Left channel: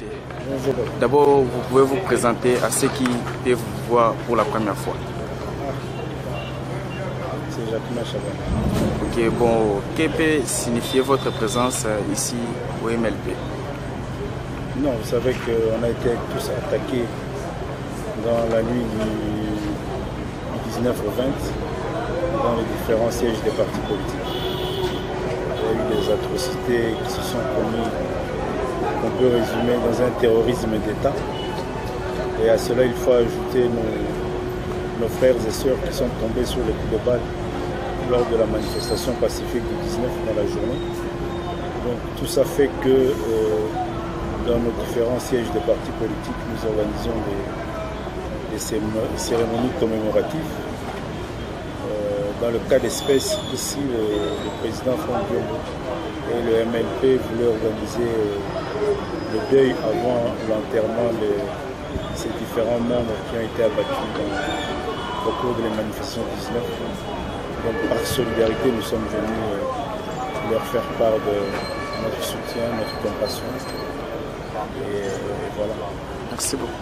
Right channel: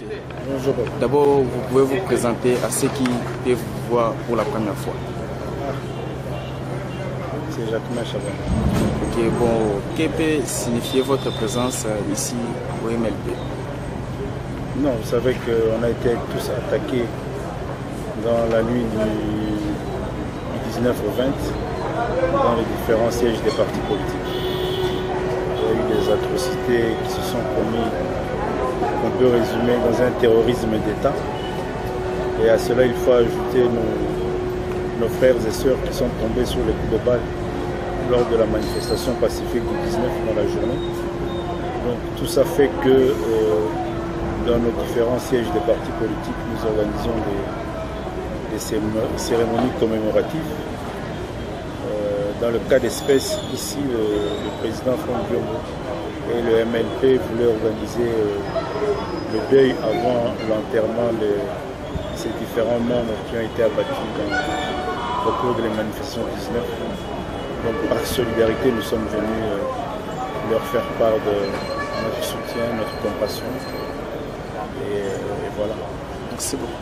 merci. Bonjour. D'abord, vous pouvez vous présenter à ceux qui peuvent vous voir pour la première fois. C'est Jacquemin Chaban. Ok, bon, que peut signifier votre présence ici au MLP? Non, vous savez qu'on a été tous attaqués dans la nuit du 19 au 20 dans les différents sièges des partis politiques. Il y a eu des atrocités qui se sont commises, qu'on peut résumer dans un terrorisme d'État. Et à cela, il faut ajouter nos frères et sœurs qui sont tombés sur les coups de balle lors de la manifestation pacifique du 19 dans la journée. Donc tout ça fait que dans nos différents sièges des partis politiques, nous organisons des cérémonies commémoratives. Dans le cas d'espèce, ici, le président Franck Diongo et le MLP voulaient organiser le deuil avant l'enterrement de ces différents membres qui ont été abattus au cours de la manifestation 19. Donc par solidarité, nous sommes venus leur faire part de notre soutien, notre compassion. Et voilà. Merci beaucoup.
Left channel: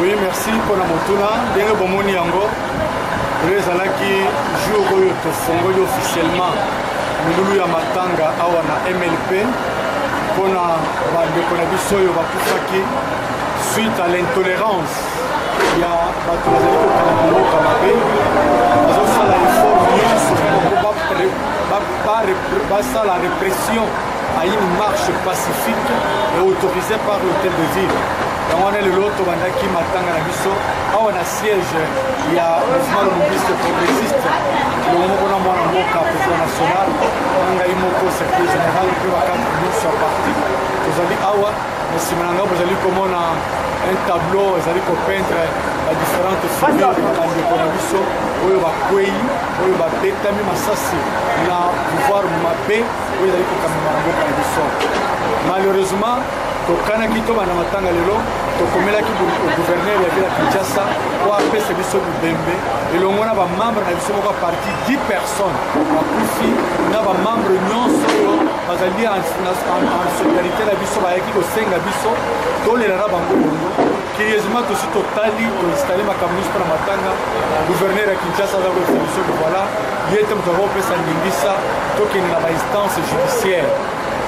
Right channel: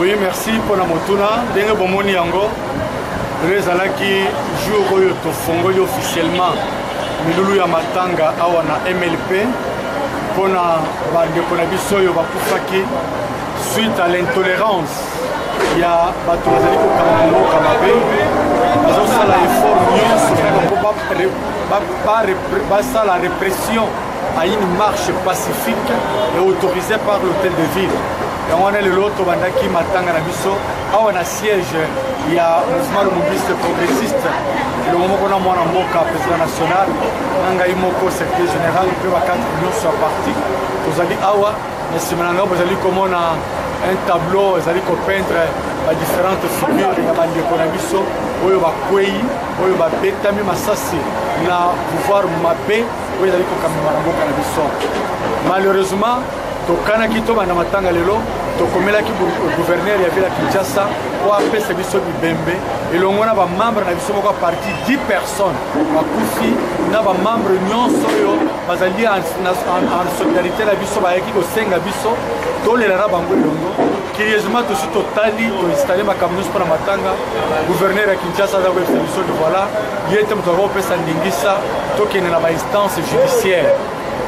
Oui, merci pour la motuna. Dengue bomoni yango. Rezalaki jour oyo to fongoli officiellement milulu ya matanga awa na MLP pona bandeko na biso oyo bakufaki suite à l'intolérance ya bato bazali kokanga mboka mabe bazosala effort nyonso basala répression à une marche pacifique et autorisée par l'hôtel de ville. On est le lot qui matanga na biso awa na siège il y a mouvement mobiliste progressiste le moment qu'on a mwana mboka président national nanga imoko secrétaire général pe ba 4 minutes sur parti tozali awa na simananga bozali komona un tableau ezali ko peindre ba différentes figures ya bandeko na biso oyo bakwei oyo babetami masasi na pouvoir mabe oyo ezali kokamema na mboka na biso. Malheureusement tokanaki to bana matanga lelo tokomelaki gouverneur ya ville ya Kinshasa po apesa biso bibembe elongo na bamembre na biso moko parti 10 personnes bakufi na bamembre nyonso oyo bazali en solidarité na biso bayaki kosenga biso tolelara bango elongo curieusement tosi totali toinstalle makambo nyonso mpona matanga gouverneur ya Kinshasa aza koyebisa biso ke voilà ye te moto akopesa ndingisa tokende na bainstance judiciaire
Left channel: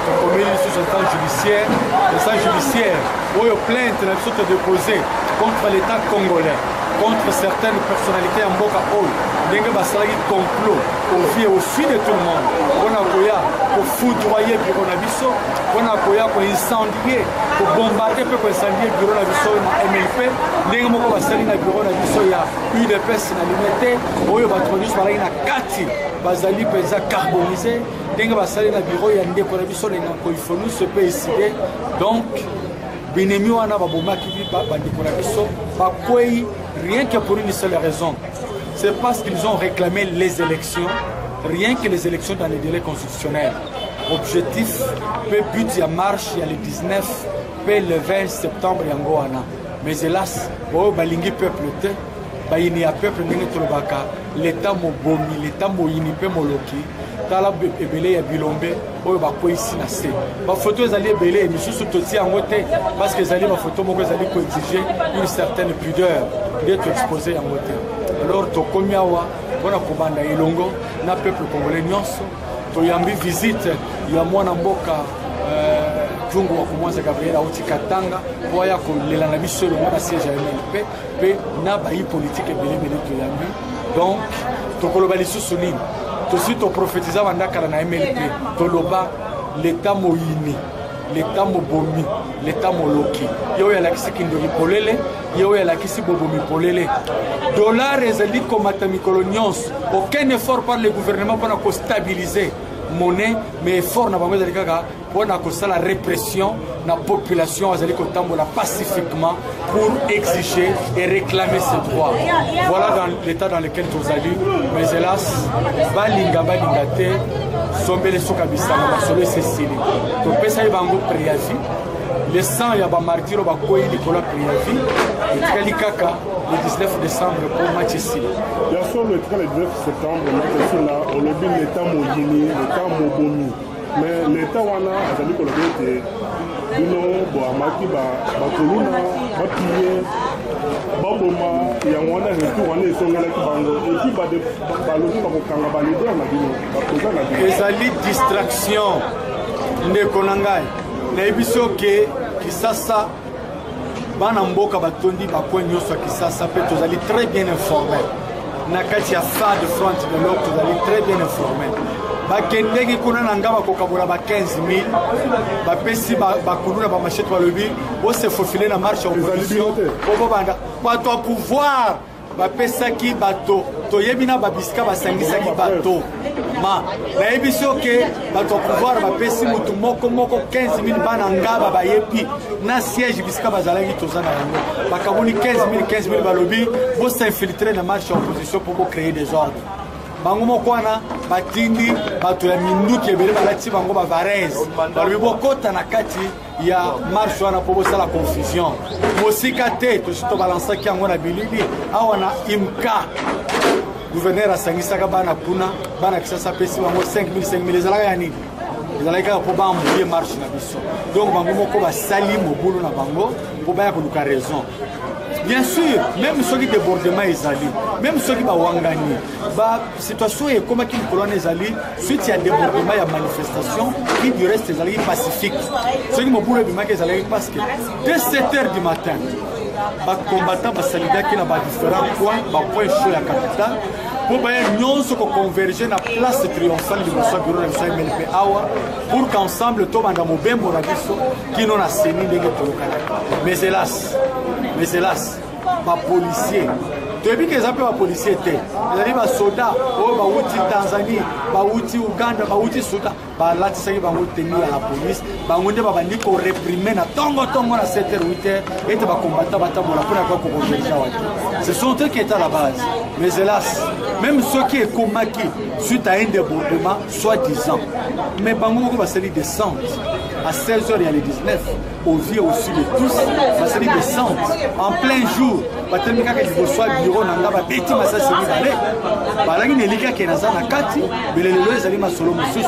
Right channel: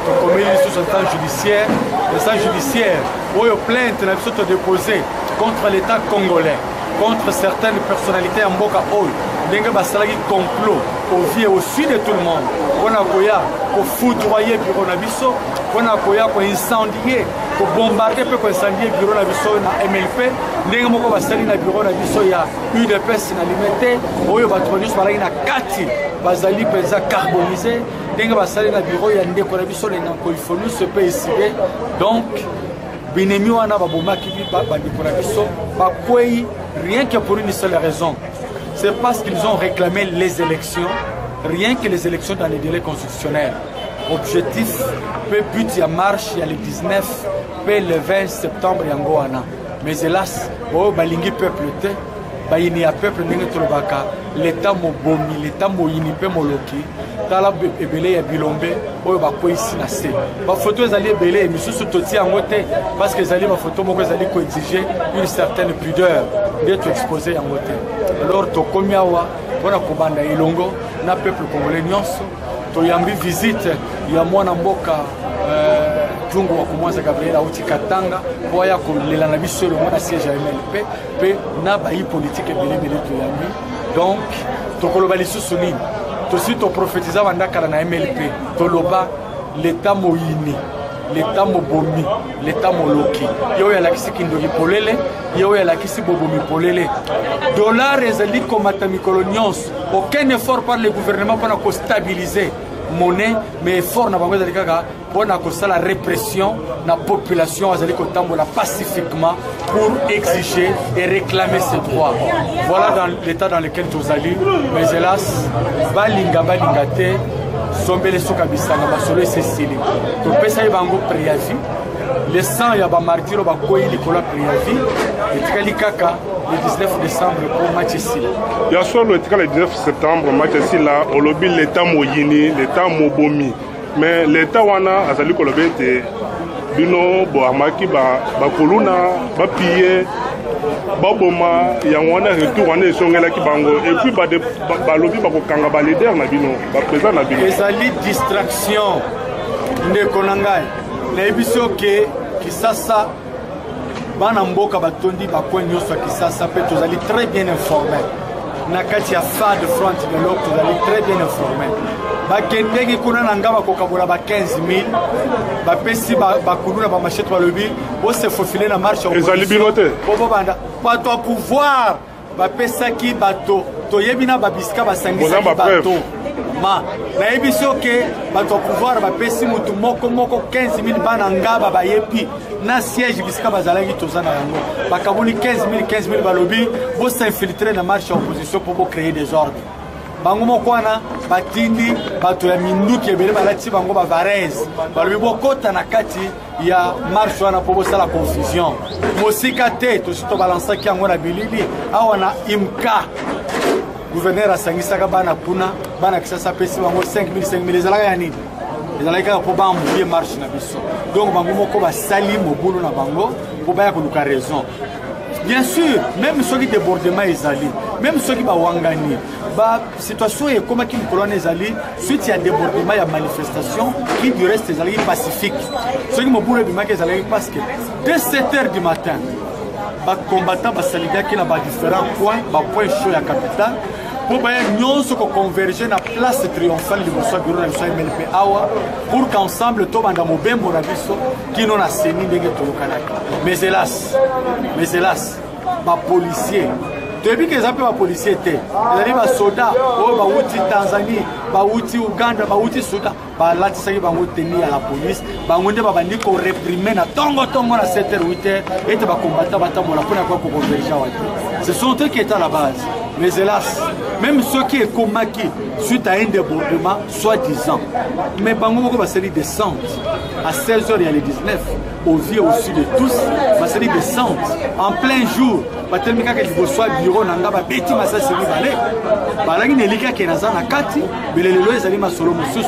comme il est sous instance judiciaire, l'instance judiciaire, où il y a plainte déposée contre l'État congolais, contre certaines personnalités en Boka Oy, d'un basalagi complot au vie et au sud de tout le monde. On a koya pour foudroyer bureau nabiso, on a koya pour incendier, pour bombarder, pour incendier bureau nabiso na MLP, d'un moko basali na bureau nabiso ya UDPS na limité, où il y a batronus balagi na kati, basali pesa carbonisé. Dengue basali na bureau ya ndeko na biso le nako il faut nous se payer donc binemi wana babomaki bandeko na biso bakwei rien que pour une seule raison, c'est parce qu'ils ont réclamé les élections, rien que les élections dans les délais constitutionnels. Objectif peut but ya marche il y a le 19 peut le 20 septembre yango wana, mais hélas o balingi peuple te bayini ya peuple ndenge tolobaka l'état mobomi l'état moyini pe moloki tala ebele ya bilombe oyo bakwei na se bafoto ezali ebele misusu toti yango te parce que ezali bafoto moko ezali koexige une certaine pudeur d'être exposé yango te. Alors tokomi awa mpona kobanda elongo na peuple congolais nyonso toyambi visite ya mwana mboka Jungu wa kumwanza Gabriel auti Katanga po aya kolela na biso le mona siège ya MLP pe na bayi politique ebele toyambi. Donc tokoloba lisusu nini tosi to prophétisa bandakala na MLP toloba l'état moyini l'état mobomi l'état moloki yo ya lakisi kindoki polele yo ya lakisi bobomi polele dollar ezali komata mikolo nyonso aucun effort par le gouvernement pour stabiliser monnaie mais effort na bango ezali kaka on a causé la répression la population azali kotambola pacifiquement pour exiger et réclamer ses droits. Voilà dans l'état dans lequel nous allons. Mais hélas, balinga te sombele soka bisanga basolo sesili. To pesa ibango préavis. Le sang ya ba martyr ba koyi likola préavis et tikali kaka le 19 décembre pour Matchesila. Bien sûr, le 19 septembre, Matchesila, au lobby l'état moyini, l'état mobomi. Mais l'état wana azali kolobete bino bo amaki ba koluna ba piller ba boma ya wana retour wana esongela ki bango et puis ba lobby ba kokanga ba leader na bino ba président na bino. Ezali distraction ndeko nangai. Na ebiso ke Kisasa bana mboka batondi bakwenyo so Kisasa pe tozali très bien informé. Na kati ya fa de front de l'autre tozali très bien informé. Bakendeki kuna nangaba kokabola ba 15 000 ba pesi ba kuluna ba machette ba lobi bo se faufiler na marche opposition bo banda bato a pouvoir ba pesa ki bato to yebina ba biska ba sangisa ki bato ma na ebiso ke bato a pouvoir ba pesi mutu moko 15 000 bana ngaba ba yepi na siège biska ba zalaki tozana yango bakabuli 15 000 ba lobi bo s'infiltrer na marche opposition pour créer des ordres. Bango mokwana batindi bato ya minduki ebele balati bango ba varese balobi bokota na kati ya marche wana po bosala confusion mosika te to balansaki yango na bilili awa na imka gouverneur asangisaka bana kuna bana Kisasa pesi bango 5 000 ezalaka ya nini ezalaka po bambuye marche na biso donc bango moko basali mobulu na bango po baya koluka raison. Bien sûr, même ceux qui débordement ezali, même ceux qui bawangani, ba situation est comme une colonne ezali, suite à débordement il y a manifestation qui du reste ezali pacifique. Ceux qui m'ont bima ezali parce que dès 7h du matin, ba combattant ba salida qui na ba différents points, ba point chaud la capitale. Pour nous converger na place triomphale du Moussa Bureau de MLP Awa pour qu'ensemble tout banda mobembo na biso qui non a seni ndenge tolokanaka. Mais hélas, ba policier depuis que ba policier te ezali ba soda o ba uti Tanzanie ba uti Uganda ba uti Soudan ba lati saki bango tenir à la police bango nde ba bandi ko réprimer na tongo na 7h 8h et ba combattant batambola pour na ko converger wa. Ce sont eux qui étaient à la base. Mais hélas, même ceux qui est comaki suite à un débordement, soi-disant, mais Bango va se descendre à 16h il y a les 19, au vieux au-dessus de tous, va se descendre en plein jour. Va tellement que vous soyez bureau nanga ba beti masa se balé. Balangi nelika ke nazana kati, belelo ezali masolo mususu.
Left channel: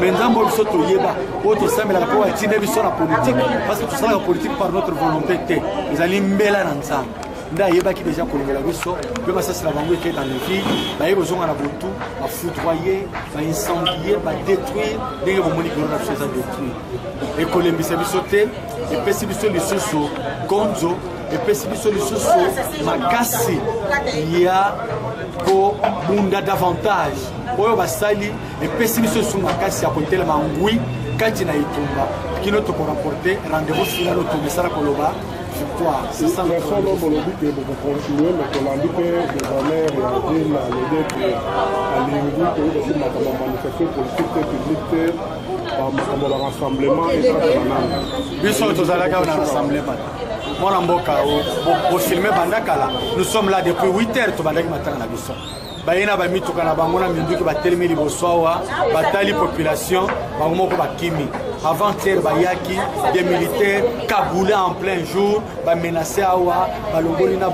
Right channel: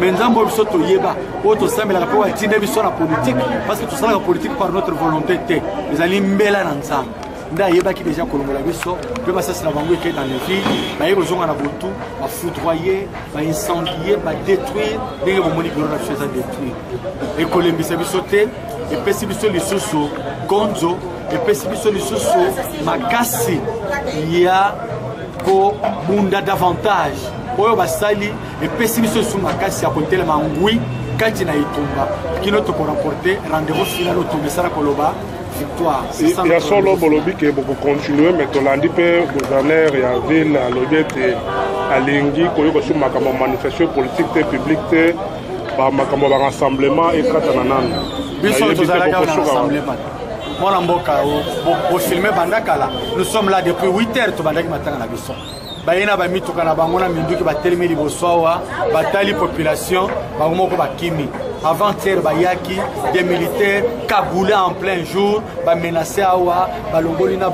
Mais nzambo biso to yeba, oto sambela ko wa tinde biso na politique parce que tout ça la politique par notre volonté té. Ezali mbela na nzambo. Nda yeba ki déjà kolongola biso pe masasi na bango ke dans les villes ba yebo zonga na botu ba foudroyer ba incendier ba détruire ndenge bomoni ko na biso za détruire et kolembisa biso te et pesi biso lisusu konzo et pesi biso lisusu makasi ya ko bunda davantage oyo basali et pesi biso su makasi ya kotela mangui kati na itumba kino to ko rapporter rendez-vous final au tomesara koloba. Il y a solo bolobi que beaucoup continuer mais on a dit que gouverneur et en ville à l'odette à l'engi koyo sur ma manifestation politique publique ba makambo ba rassemblement et katanana biso tozalaka na rassemblement mona mboka au filmer bandakala nous sommes là depuis 8h to bandaki matanga na biso bayena ba mituka na bango na minduki ba telemi libosowa batali population bango moko bakimi. Avant-hier, Bayaki, des militaires cagoulés en plein jour, menacés à Awa, Balongolina,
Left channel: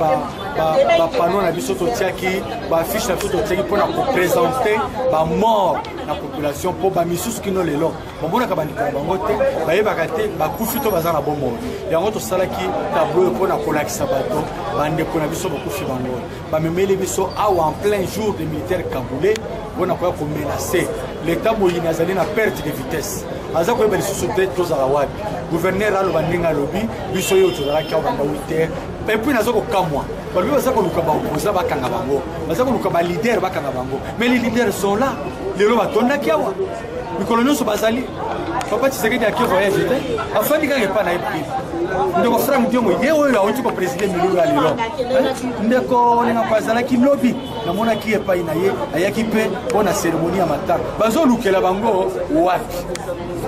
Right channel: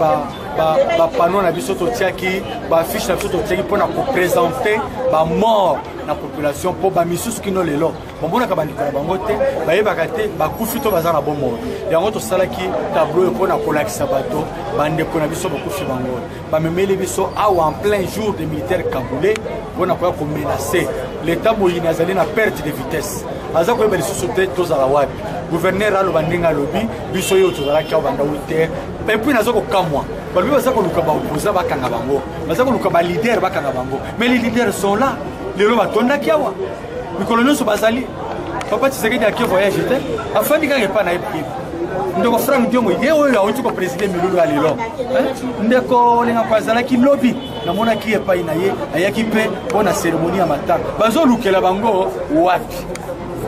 panneau na bisoto tiaki, affiche na bisoto tiaki pour présenter la mort de la population pour bamisus qui n'ont les lots. Bon, on a kabandika bangote, bakate, bakufito bazana bon mort. Et en autre salaki tableau pour na kolaki sabato, bande pour na biso bakufi bango. Bamemeli biso Awa en plein jour des militaires cagoulés, pour na ko menacer. L'État moyenne azali na perte de vitesse. Aza ko beli société tozala wapi gouverneur alo bandinga lobi biso yo tozala kia banda 8h et puis nazo ko kamwa balobi baza ko luka ba opposa bakanga bango baza ko luka ba leader bakanga bango mais les leaders sont là les lo batonda kiawa mikolo nyonso bazali papa Tshisekedi akio voyage te afandi ka pas na epi ndeko Frank Diongo ye oyo awuti ko président milulu ya lelo ndeko lenga kwazala ki lobby namona ki epai na ye ayaki pe pona cérémonie ya matanga bazo lukela bango wapi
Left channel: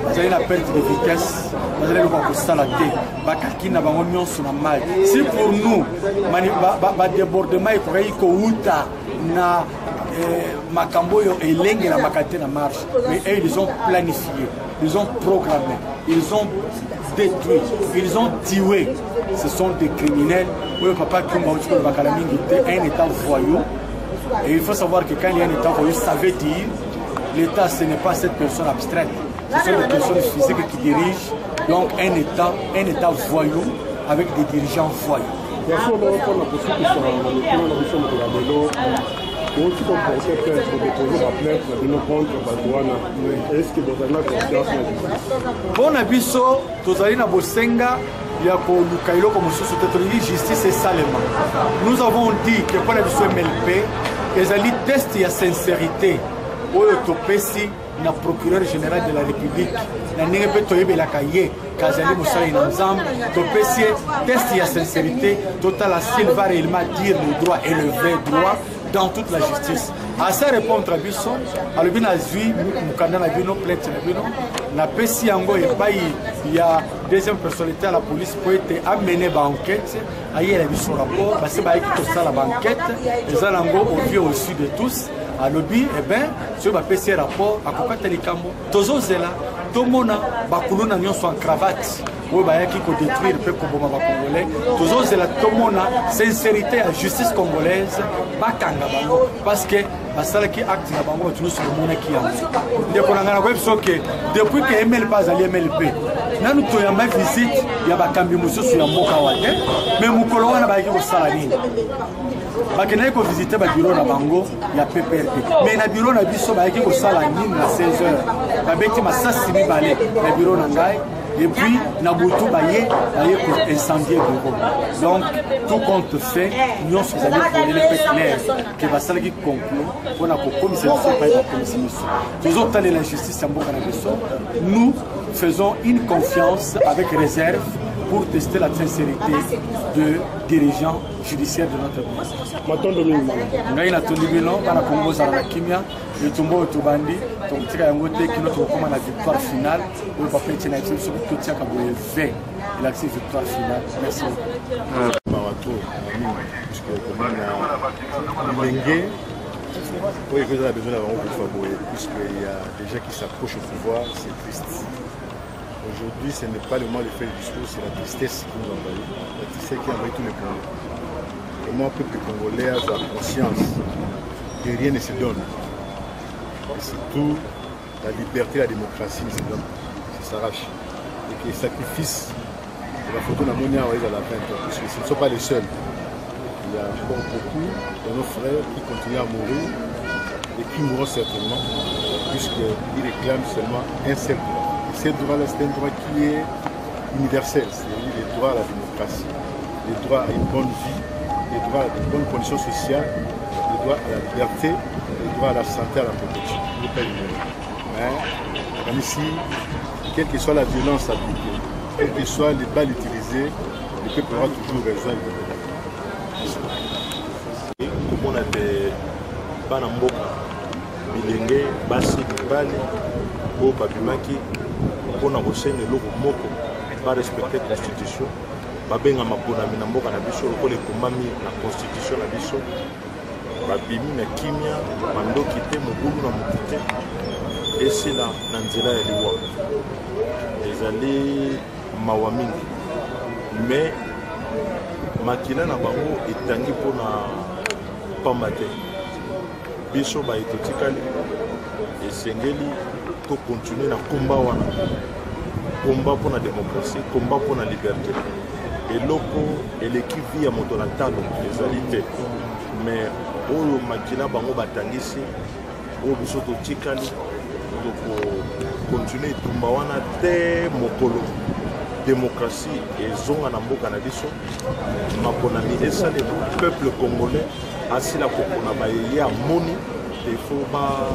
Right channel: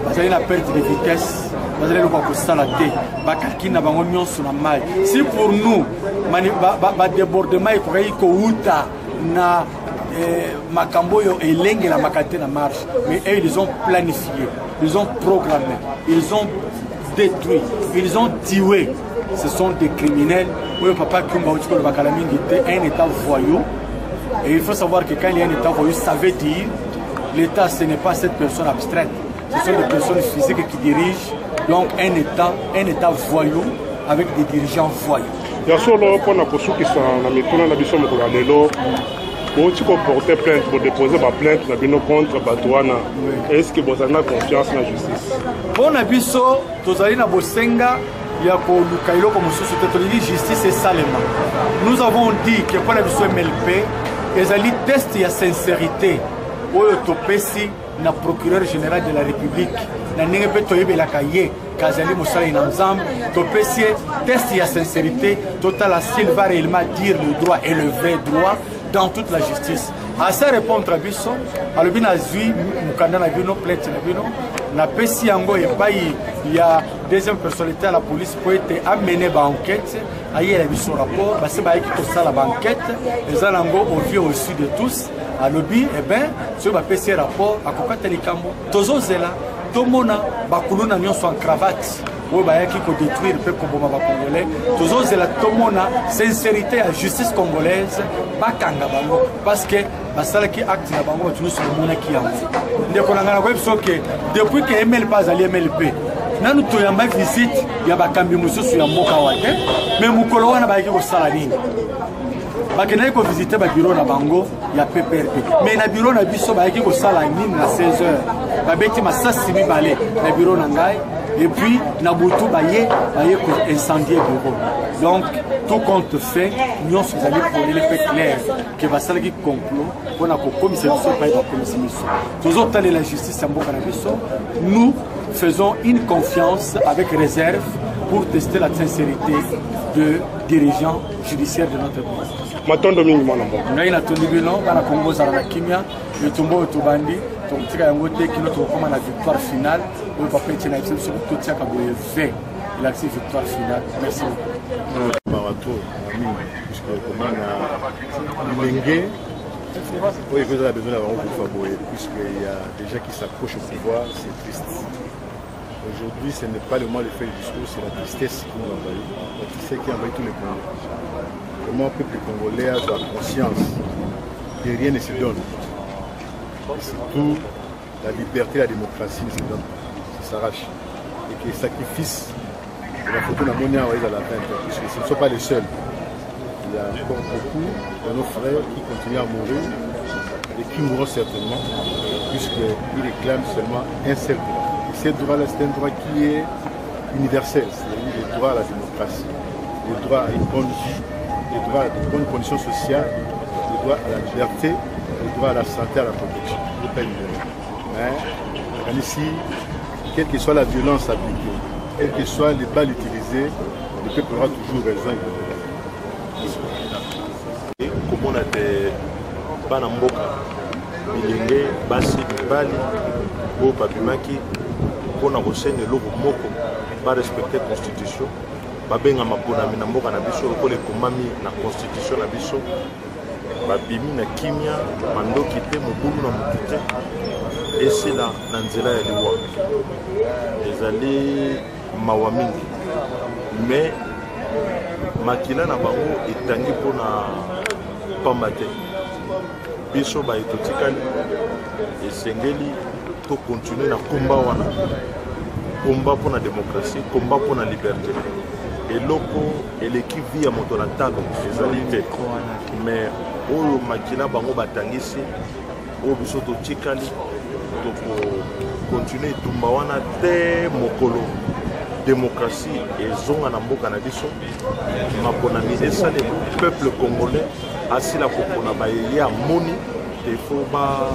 bazali na perte de vitesse, bazali na kosala te, bakaki na bango nyonso na mai. Si pour nous ba débordement ekoki kouta na makambo yo elenge na makate na marche, mais eux ils ont planifié, ils ont programmé, ils ont détruit, ils ont tué. Ce sont des criminels. Oui, papa Kumba un état voyou. Et il faut savoir que quand il y a un état voyou, ça veut dire l'État, ce n'est pas cette personne abstraite. Ce sont des personnes physiques qui dirigent donc un état voyou avec des dirigeants voyous. Bien sûr, pour la poursuite qui sont en mettant la mission de Gabelo, pour porter plainte, pour déposer ma plainte contre Batouana, est-ce que vous avez confiance dans la justice? Pour Nabiso, Tozali na Bosenga, il y a comme justice et salement. Nous avons dit que pour Nabiso MLP, les alliés testent la sincérité. Autopesi na procureur général de la République na ningepe toyebe la kaye kazali musala inamzam topesi test ya sincérité total à s'il va réellement dire le droit et le vrai droit dans toute la justice. À ça répondre à Bisson, à l'obina zui mukanda na bino plainte na bino na pesi yango et pas il y a deuxième personnalité à la police pour être amené ba enquête ayer la Bisson rapport ba se ba ki to sala ba enquête les alango au vieux au sud de tous. À lobby, eh bien, sur ma PC rapport, à Kokata Likambo, Tozo Zela, Tomona, Bakuluna Nyon soit en cravate, ou Bayaki ko détruire le peuple congolais, Tozo Zela, Tomona, sincérité à justice congolaise, Bakanga Bango, parce que Basala qui acte la Bango, tu nous sommes le monde qui a. Depuis que ML pas allé MLP, nous avons une visite, il y a Bakambi Moussou sur Yamboka Wade, mais Moukolo wana Bayaki au Saladine. Bakena ko visiter ba bureau na bango ya PPRP mais na bureau na biso ba yaki ko sala nini na 16h ba beti masasi mi balé na bureau na ngai et puis na butu ba ye ko incendier bureau. Donc tout compte fait nous sommes allés pour les faits clairs que va sala ki complot pour na ko commissaire so pa ba commissaire toujours telle la justice ya mboka na biso. Nous faisons une confiance avec réserve pour tester la sincérité de dirigeants judiciaires de notre pays. Matondo mingi mwanamba. Ngai na tondi bilo bana Kongo za na kimia, yotumbo tubandi, tontika yango te kino to koma na victoire finale, o papa tena itse so totia ka boye V. Il a accepté victoire finale. Merci beaucoup. Marato, puisque comment na Lingé, oui, vous avez besoin d'avoir un favori, puisqu'il y a des gens qui s'approchent au pouvoir, c'est triste. Aujourd'hui, ce n'est pas le moment de faire le discours, c'est la tristesse qui nous envahit, la tristesse qui envahit tous les Congolais. Comment le peuple congolais a conscience que rien ne se donne. Et surtout, la liberté, la démocratie ne se donne pas, ça s'arrache. Et que les sacrifices de la photo d'Amonia à la fin, puisque ce ne sont pas les seuls. Il y a encore beaucoup de nos frères qui continuent à mourir et qui mourront certainement, puisqu'ils réclament seulement un seul droit. Et ce droit-là, c'est un droit qui est universel, c'est-à-dire le droit à la démocratie, le droit à une bonne vie, le droit à de bonnes conditions sociales, le droit à la liberté, le droit à la santé, à la protection. Mais ici, quelle que soit la violence appliquée, quelles que soient les balles utilisées, le peuple aura toujours raison. Comme on a des Banamboka, Bilenge, Bassi, Mibali, Bo Babimaki, pour nous renseigner le moko, pas respecter la constitution, babenga maponami na mboka na biso lokola ekomami na constitution na biso, babimi na kimia, mandoki te, mobulu na motu te, esila na nzela ya liwa. Ezali mawa mingi, mais makila na bango etangi mpona pamba te. Biso ba etotikali esengeli to continuer na komba wana, komba pour la démocratie, combat pour la liberté. Et loko eleki vi ya moto na talo ezali te, mais oyo makila bango batangisi oyo biso totikali toko continuer tumba wana te mokolo démocratie ezonga na mboka na biso maponami esale peuple congolais asila kopona baye amoni il faut ba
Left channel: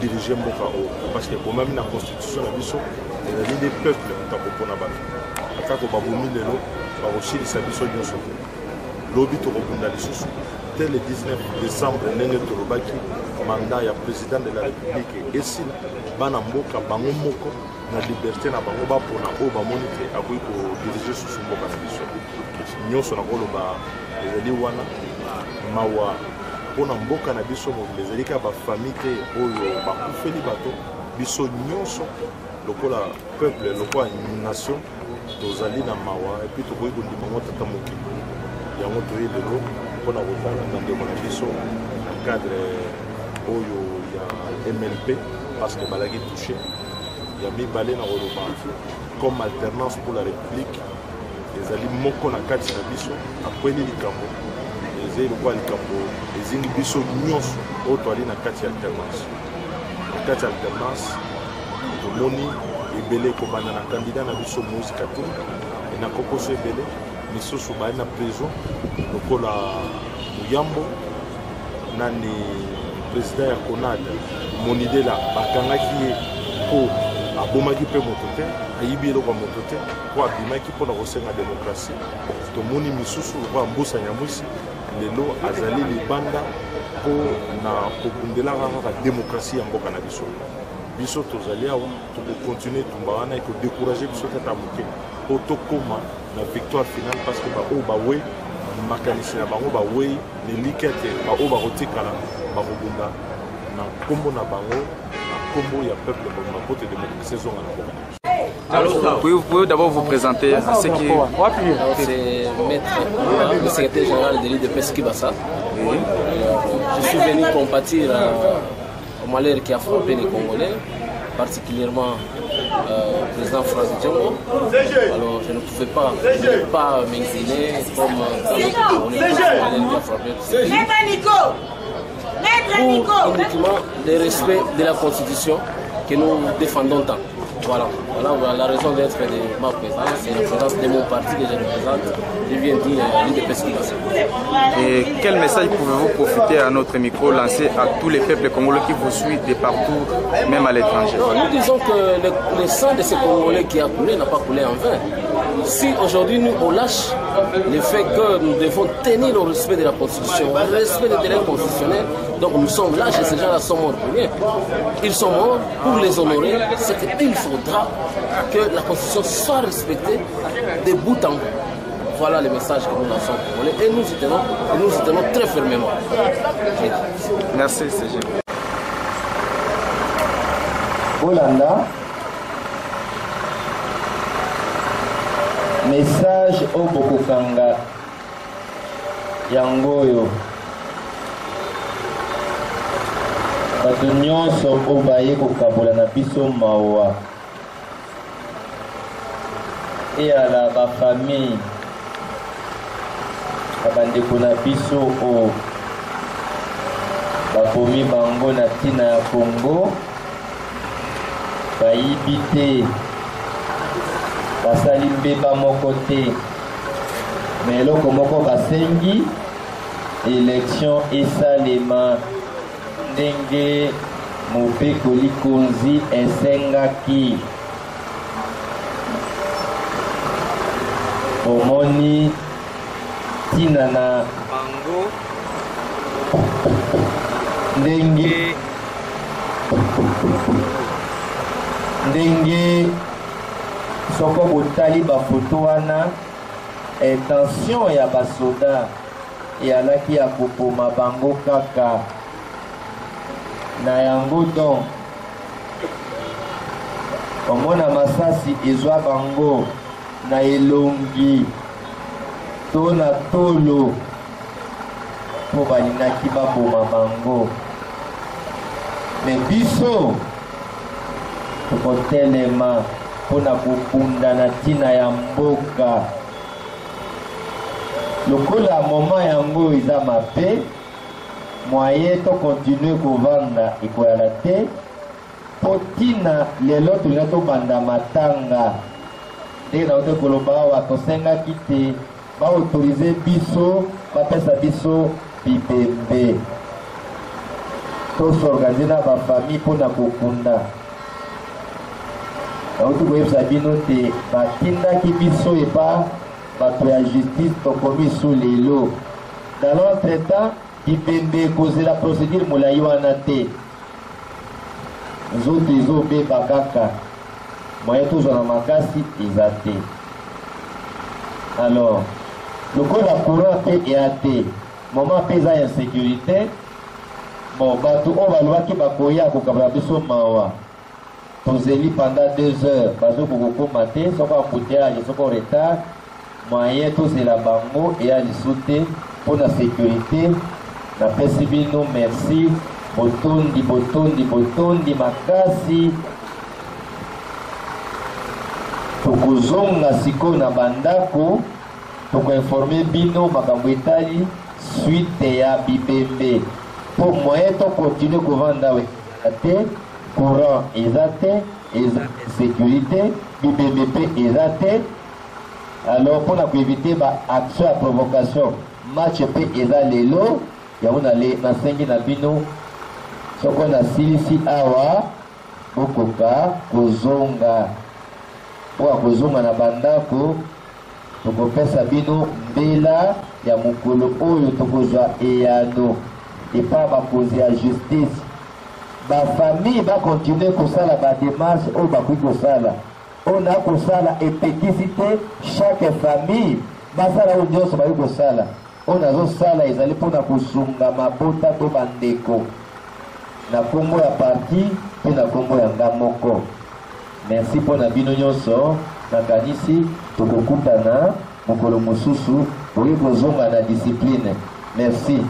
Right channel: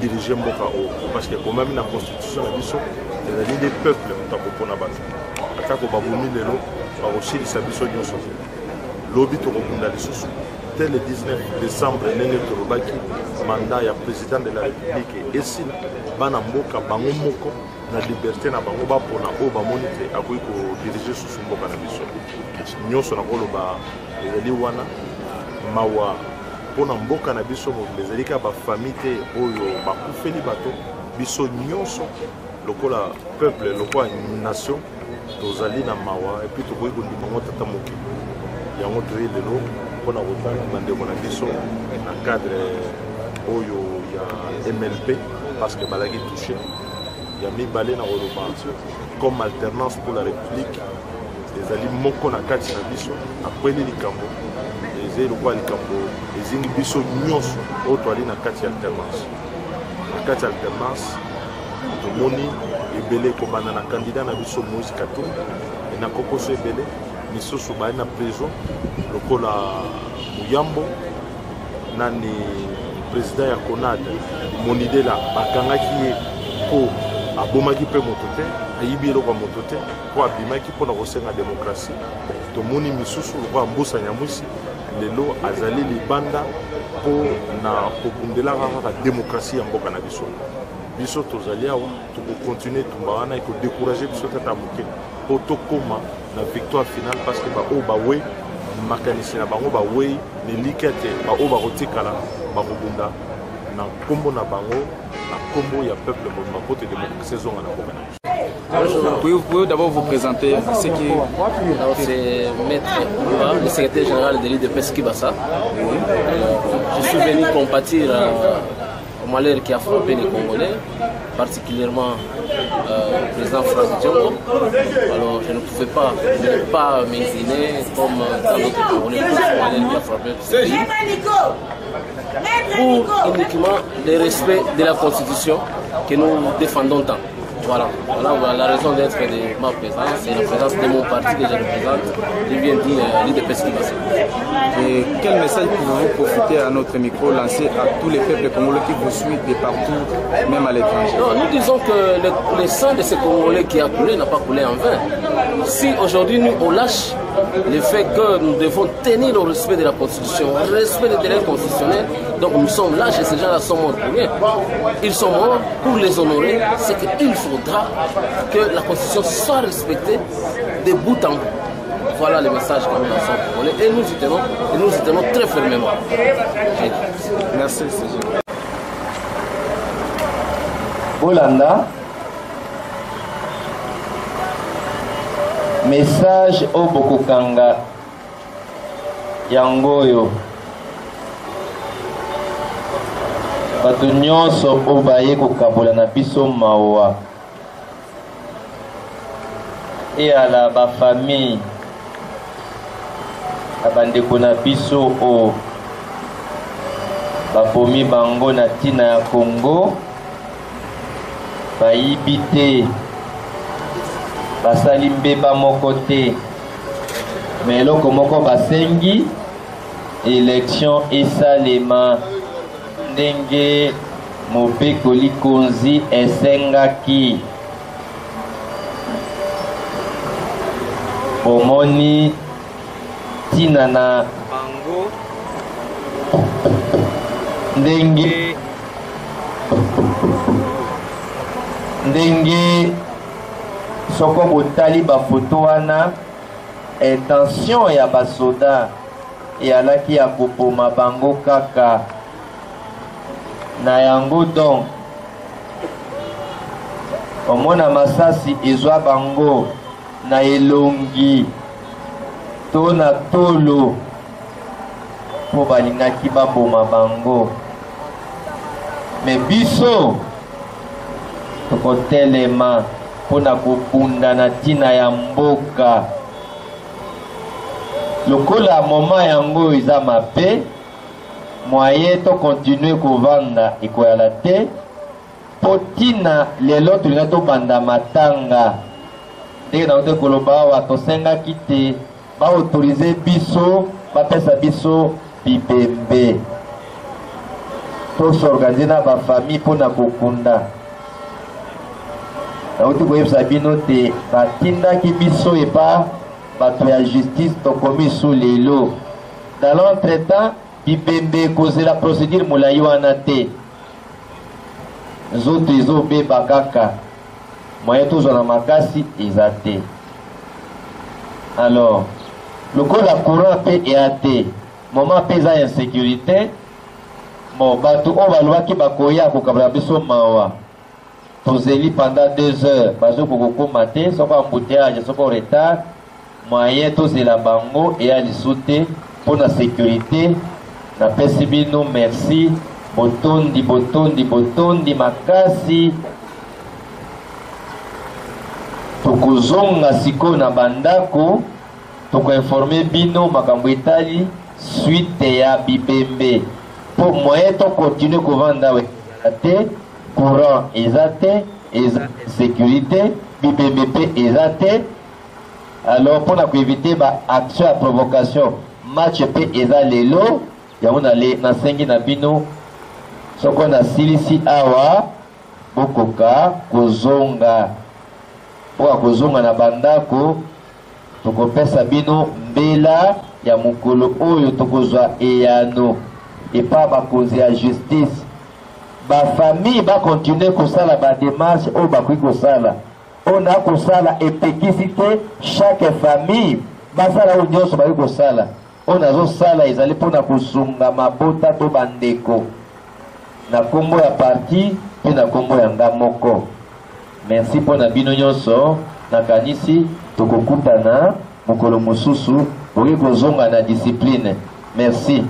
diriger mboka o parce que comme même na constitution na biso ezali des peuples mutapopona bato atako babumi lelo bakosilisa biso nyonso lobi tokobunda lisusu dès le 19 décembre ndenge tolobaki mandat ya président de la république esila bana mboka bango moko na liberté na bango bapona oyo bamoni te akoki kodirige susu mboka na biso nyonso nakoloba ezali wana mawa mpona mboka na biso mobili ezali kaka bafamille te oyo bakufeli bato biso nyonso lokola peuple lokola nation tozali na mawa epuis tokoki kondima ngo tata mokili yango toye lelo mpona kotala bandeko na biso na cadre oyo ya MLP parce que balaki touché ya mibale na koloba comme alternance pour la république ezali moko na kati na biso akweli likambo ezali lokola likambo ezingi biso nyonso oyo toali na kati ya alternance na kati ya alternance tomoni ebele ekobanda na candidat na biso Moïse Katumbi na kokoso ebele misusu baye na prison lokola Muyambo nani président ya CONAD Monidela bakangaki ye mpo abomaki mpe moto te ayibi eloko ya moto te mpo abimaki mpona kosenga démocratie tomoni misusu lokola Mbusa Nyamwisi lelo azali libanda mpo na kobundelaka kaka démocratie ya mboka na biso biso tozali awa tokokontinue tumba wana ekodécourage biso tata moke mpo tokóma na victoire finale parce que baoyo bawei makanisi na bango bawei nelika te baoyo bakotikala bakobunda na nkombo na bango na nkombo ya peuple mobimba mpo te démocratie ezonga na mboka na biso. Vous pouvez d'abord vous présenter à ce qui... C'est Maître Oula, le secrétaire général de l'IDPS Kibassa. Je suis venu compatir au malheur qui a frappé les Congolais, particulièrement le président Franck Diongo. Alors je ne pouvais pas m'incliner comme dans notre Congolais pour ce malheur qui a frappé ce pays. Pour uniquement le respect de la Constitution que nous défendons tant. Voilà la raison d'être de ma présence, c'est la présence de mon parti que je représente, je viens dire l'IDPS Kibassa. Et quel message pouvez-vous profiter à notre micro, lancer à tous les peuples congolais qui vous suivent de partout, même à l'étranger? Nous disons que le sang de ces Congolais qui a coulé n'a pas coulé en vain. Si aujourd'hui nous on lâche le fait que nous devons tenir le respect de la Constitution, le respect des délais constitutionnels, donc nous sommes lâches et ces gens-là sont morts pour rien. Ils sont morts pour les honorer, c'est qu'il faudra que la Constitution soit respectée de bout en bout. Voilà le message que nous lançons aux Congolais et nous y tenons très fermement. Merci, CG. Olanda, message au Bokokanga Yangoyo. Bato nyonso oyo baye kokabola na biso mawa eyala bafamille ya bandeko na biso oyo bakomi bango na ntina ya Congo bayibi te basali mbeba moko te me eloko moko basengi élection esalema ndenge mobekoli konzi esengaki omoni ntina na bango ndenge soko botali bafoto wana intention ya basoda eyalaki ya kopoma bango kaka na yango donc omona masasi ezwa bango na elongi to na tolo mpo balingaki baboma bango me biso tokotelema mpona kokunda na ntina ya mboka lokola moma yango eza mabe moyen to continue kovanda ekoyala te mpo ntina lelo tolinga tobanda matanga ndenge na kote koloba awa tosengaki te baautorize biso bapesa biso bibembe tosorganize na bafamille mpona kokunda nauti koyebisa bino te batindaki biso epa bato ya justice tokomi su lelo Dans l'entretemps, Bibembe cause la procédure moulayi wana te. Zote ezobe bakaka. Moyen toujours na makasi ezate. Alors, le coup la courant pe eate. Moment pesa insécurité. Bon, bato on va loin qui bakoya ko kabla biso mawa. Tozeli pendant 2 heures. Bazo ko maté, soko embouteillage, soko retard. Moyen tozela bango et à sauter pour la sécurité. Na pesi bino merci. Botondi makasi. Tokozonga siko na bandako. Toko informer bino makambo etali suite ya Bibembe. Pour moyen to continuer ko vanda te courant ezate sécurité Bibembe pe ezate. Alors pour éviter ba action à provocation match pe eza lelo ya ona le na sengi na bino soko na silisi awa bokoka kozonga pour kozonga na bandako tokopesa bino mbela ya mukolo oyo tokozwa eyano et pas bakozi ya justice ba famille ba continuer kosala ba démarche oyo bakoki kosala on a kosala epekisite chaque famille basala oyo nyonso bakoki kosala on azosala ezali mpona kosunga mabota to bandeko na kombo ya parti mpe na kombo ya nga moko. Merci mpona bino nyonso nakanisi tokokutana mokolo mosusu okoki kozonga na discipline. Merci.